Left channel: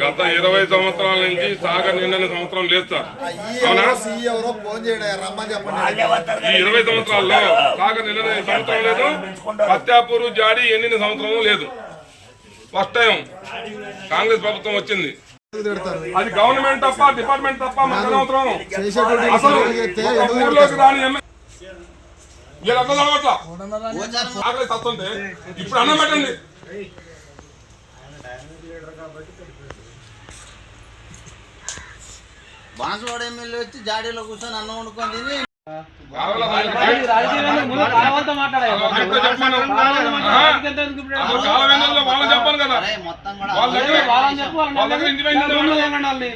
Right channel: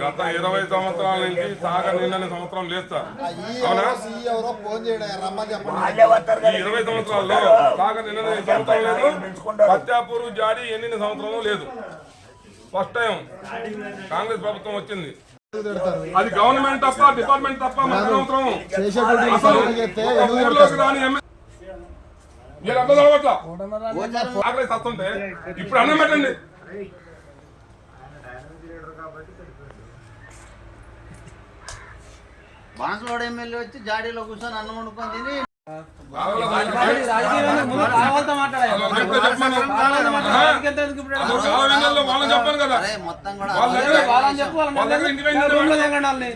గత 20 సంవత్సరాల నుంచి సాగర్ నిండిన సంవత్సరం లేదు సార్. అవునా? ఈ 20 సంవత్సరాల్లో సాగర్ నిండిన సంవత్సరం లేదు, పత్యాపూర్ జాడి ఎండిన సంవత్సరం లేదు. ఫస్ట్ టైం కాంగ్రెస్ ప్రభుత్వం వచ్చింది. అది గవర్నమెంట్ తప్ప, డిపార్ట్మెంట్ తప్ప మనకు అనవసరం. అసలు ఊర్లోకి రాని ఆకలి వస్తుంటే ఇప్పుడు అన్నం పెట్టండి. బాన్సువాడ ఎమ్మెల్యే వచ్చి జాడీలో కూర్చొని అన్నం వండుకొని తిని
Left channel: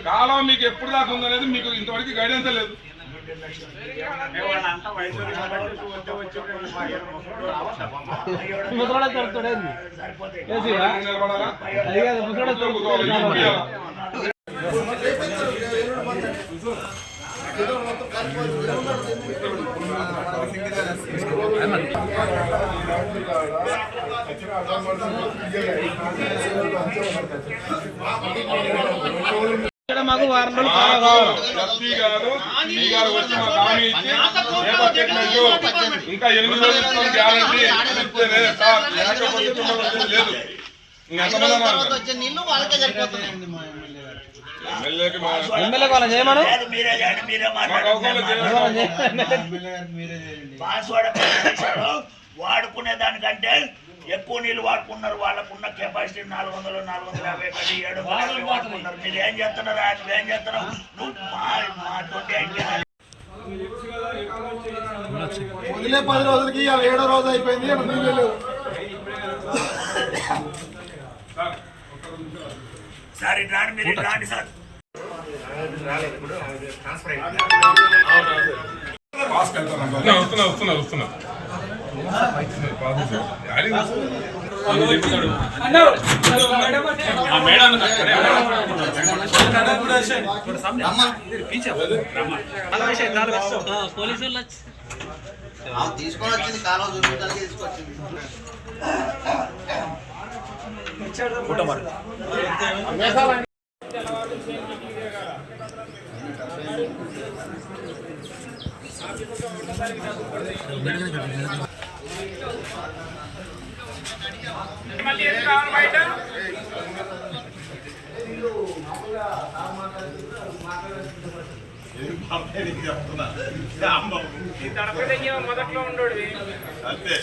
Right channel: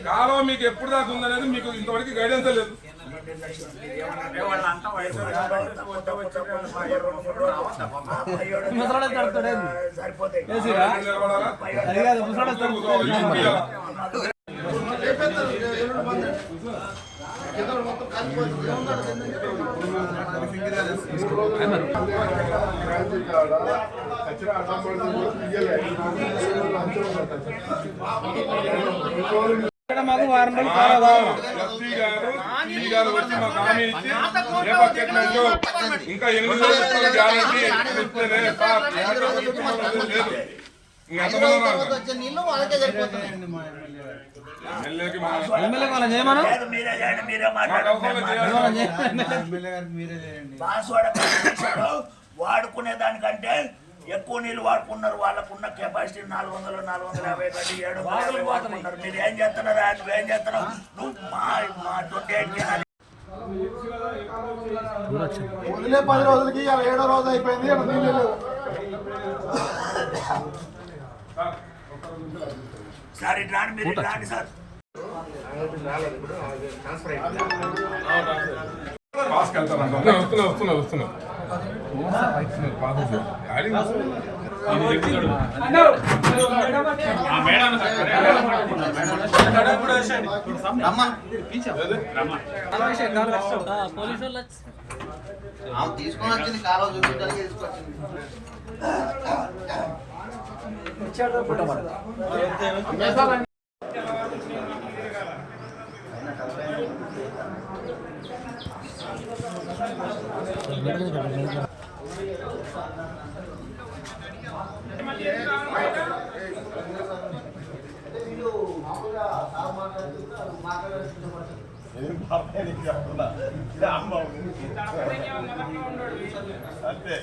కాలం మీకు ఎప్పుడు దాకా ఉందనేది మీకు ఇంతవరకు గైడెన్స్ లేదు. మాకు వారం ఇంకా 8 రోజులు గ్యారంటీ వచ్చే నీళ్లు వాళ్ళకే సరిపోతున్నాయి. వాడుకునే దానికంటే ఎక్కువ నీళ్ళు వాడుకున్నారు. వాళ్ళకున్న కెపాసిటీ 400-450 కంటే 750 వాడుకున్నారు. మీరు ఏం చేస్తున్నారా? నువ్వేం చేస్తున్నావు? నువ్వు మా 28 వదిలే 10 రోజులకి 7వ రోజు అయిపోయింది. సార్ ఇట్లా మీరు ఇట్లాంటి సార్ తీసుకొని వచ్చింది కాలం చూపించాలి తీసుకొచ్చింది. మొదట్లో ఉండోడి అంతే